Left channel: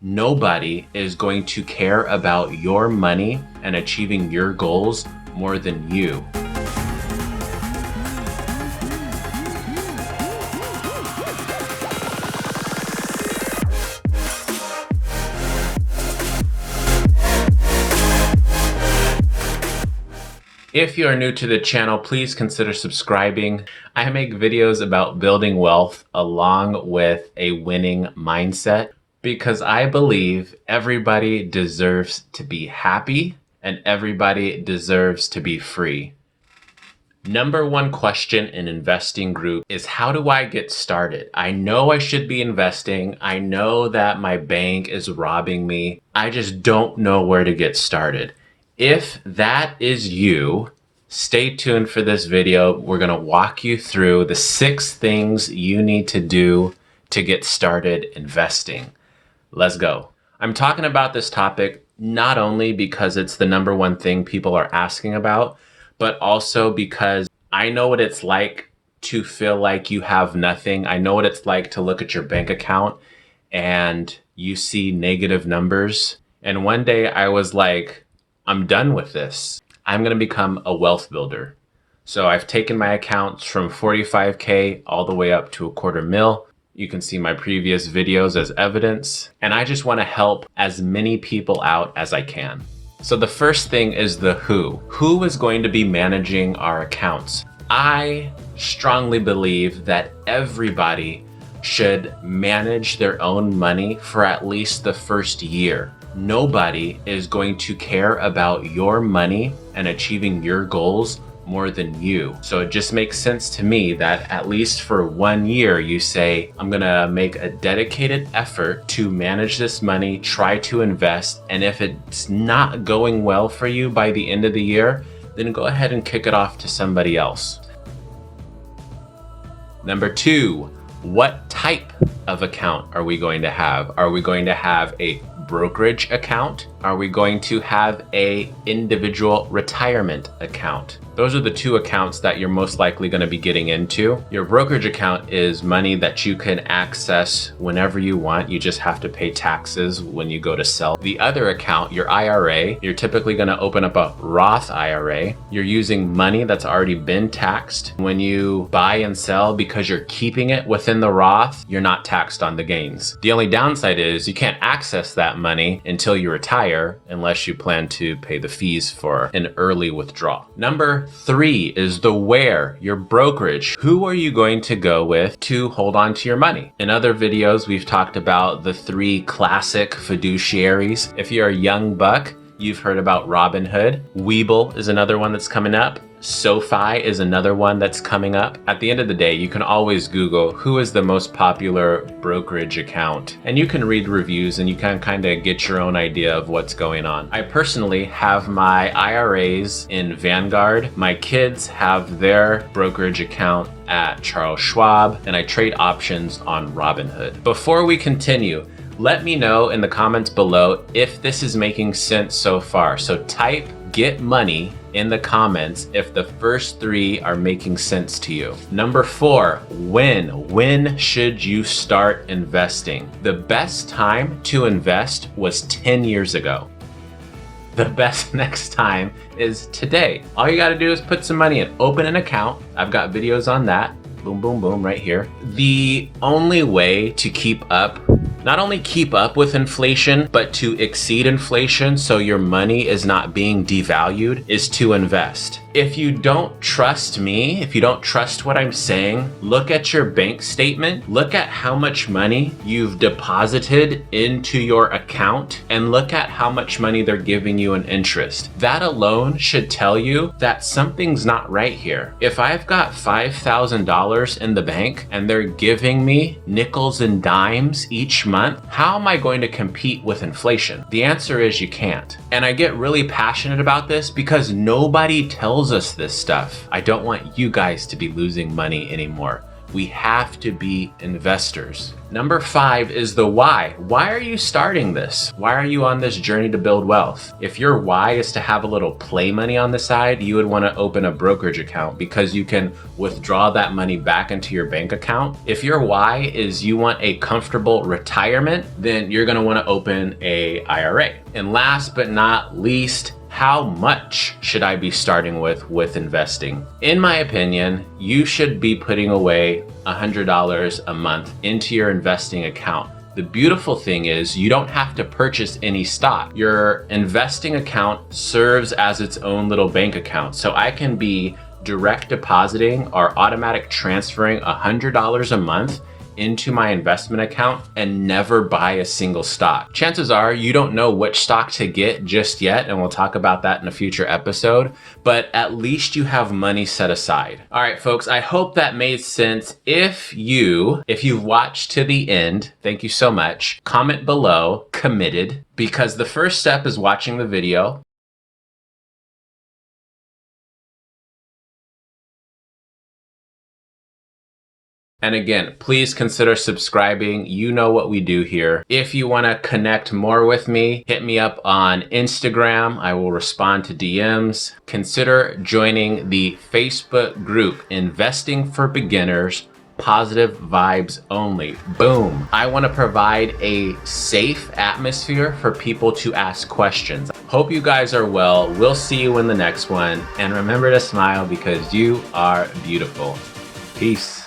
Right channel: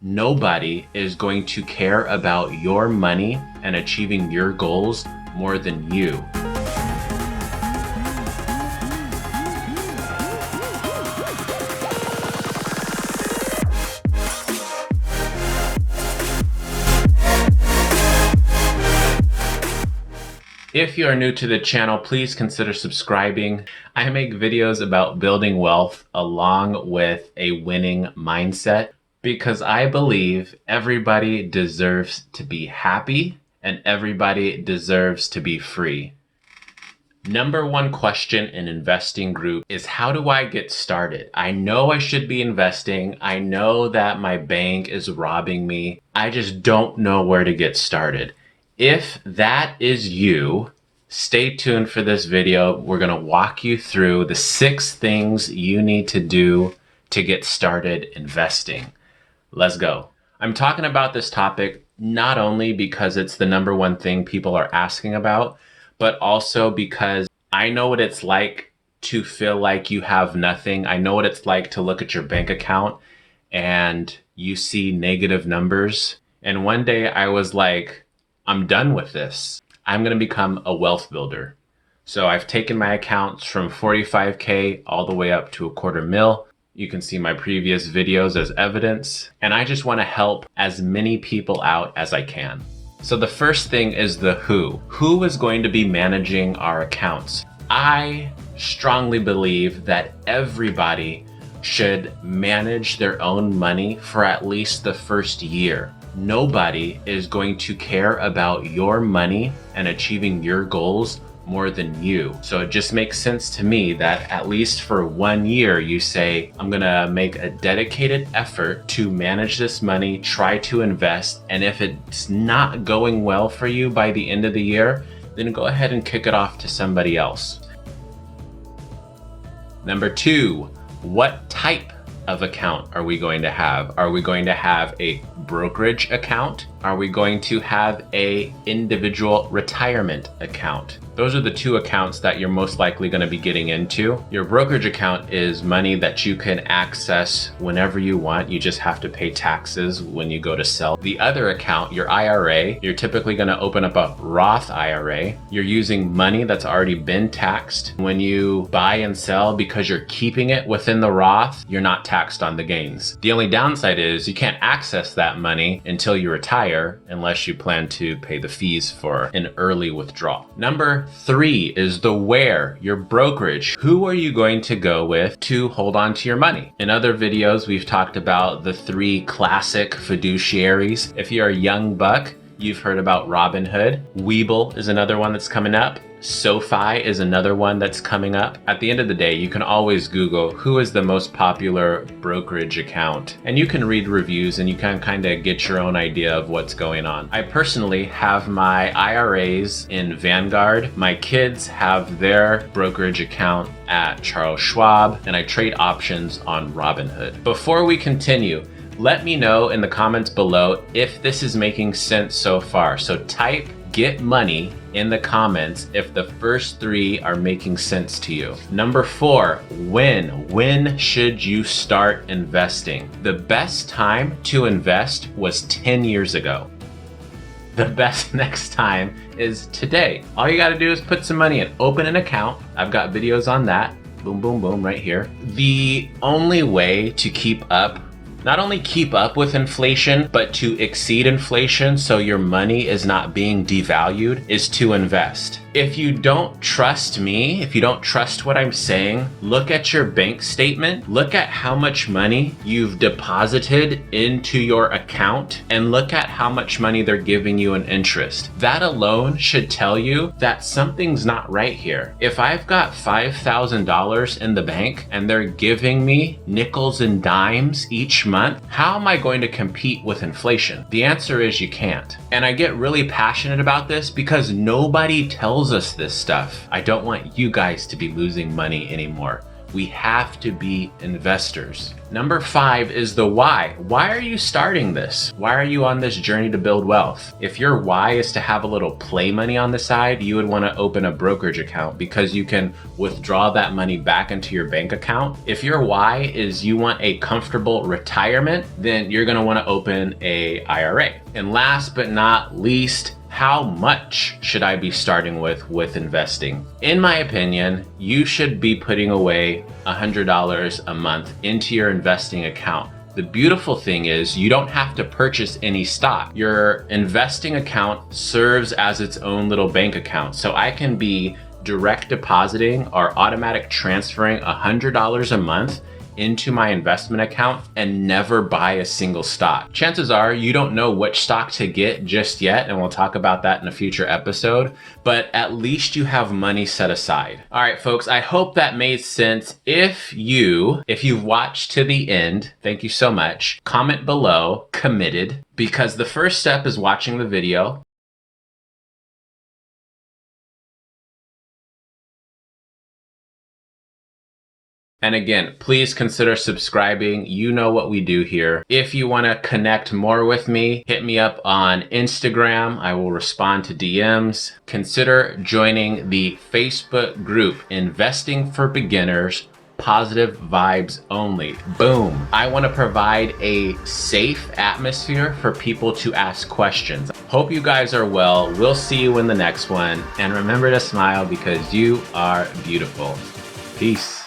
Nobody is going to care about your money and achieving your goals more than you. If you are new to the channel, please consider subscribing. I make videos about building wealth along with a winning mindset because I believe everybody deserves to be happy and everybody deserves to be free. Number one question in investing group is, how do I get started? I know I should be investing. I know that my bank is robbing me. I just don't know where to get started. If that is you, stay tuned for this video. We're going to walk you through the 6 things you need to do to get started investing. Let's go. I'm talking about this topic not only because it's the number one thing people are asking about, but also because I know what it's like to feel like you have nothing. I know what it's like to look at your bank account and you see negative numbers. And one day I was like, I'm done with this. I'm going to become a wealth builder. So I've taken my accounts from 45K all the way up to $250,000. You can see my previous videos as evidence. And I just want to help as many people out as I can. So the first thing is the who. Who is going to be managing our accounts? I strongly believe that everybody should manage their own money for at least the first year. Nobody is going to care about your money and achieving your goals more than you. So it just makes sense to me that at least for 1 year, you say, I'm gonna make a dedicated effort to manage this money, try to invest, and if it's not going well for you by the end of the year, then go ahead and kick it off to somebody else. Number 2, what type of account are we going to have? Are we going to have a brokerage account? Are we going to have a individual retirement account? Those are the 2 accounts that you're most likely going to be getting into. Your brokerage account is money that you can access whenever you want. You just have to pay taxes when you go to sell. The other account, your IRA, you're typically going to open up a Roth IRA. You're using money that's already been taxed. When you buy and sell, because you're keeping it within the Roth, you're not taxed on the gains. The only downside is you can't access that money until you retire unless you plan to pay the fees for an early withdrawal. Number 3 is the where, your brokerage. Who are you going to go with to hold on to your money? In other videos, we've talked about the 3 classic fiduciaries. If you're a young buck, you've heard about Robinhood. Webull is another one that's coming up. SoFi is another one that's coming up. At the end of the day, you can always Google who is the most popular brokerage account, and you can read reviews and you can kind of get your own idea of what's going on. I personally have my IRAs in Vanguard. My kids have their brokerage account at Charles Schwab, and I trade options on Robinhood. Before we continue, let me know in the comments below if this is making sense so far. So type "get money" in the comments if the first 3 are making sense to you. Number 4, when should you start investing? The best time to invest was 10 years ago. The best next time is today. All you got to do is put some money in, open an account. I've got videos on that. Boom, boom, boom, right here. The only way to keep up, not only keep up with inflation, but to exceed inflation so your money is not being devalued, is to invest. If you don't trust me, if you don't trust what I'm saying, look at your bank statement, look at how much money you've deposited into your account, and look at how much money they're giving you in interest. That alone should tell you that something's not right here. If I've got $5,000 in the bank and they're giving me nickels and dimes each month, how am I going to compete with inflation? The answer is you can't. And I get really passionate about this because nobody tells us this stuff. I don't want you guys to be losing money anymore. We have to be investors. Number 5 is the why. Why are you starting this? Why are you on this journey to build wealth? If your why is to have a little play money on the side, you would want to open a brokerage account because you can withdraw that money back into your bank account. If your why is you want a comfortable retirement, then you're going to want to open a IRA. And last but not least, how much should I be starting with investing? In my opinion, you should be putting away $100 a month into your investing account. The beautiful thing is you don't have to purchase any stock. Your investing account serves as its own little bank account. So I can be direct depositing or automatic transferring $100 a month into my investment account and never buy a single stock. Chances are you don't know which stock to get just yet, and we'll talk about that in a future episode, but at least you have money set aside. All right, folks, I hope that made sense. If you've watched to the end, thank you so much. Comment below, committed, because the first step is watching the video. And again, please consider subscribing. You know what we do here. If you want to connect more with me, hit me up on Instagram. I will respond to DMs. Consider joining the Facebook group, Investing for Beginners, Positive Vibes Only. Boom. I want to provide a safe atmosphere for people to ask questions. Hope you guys are well. We'll see you in the next one. And remember to smile because you are beautiful. Peace.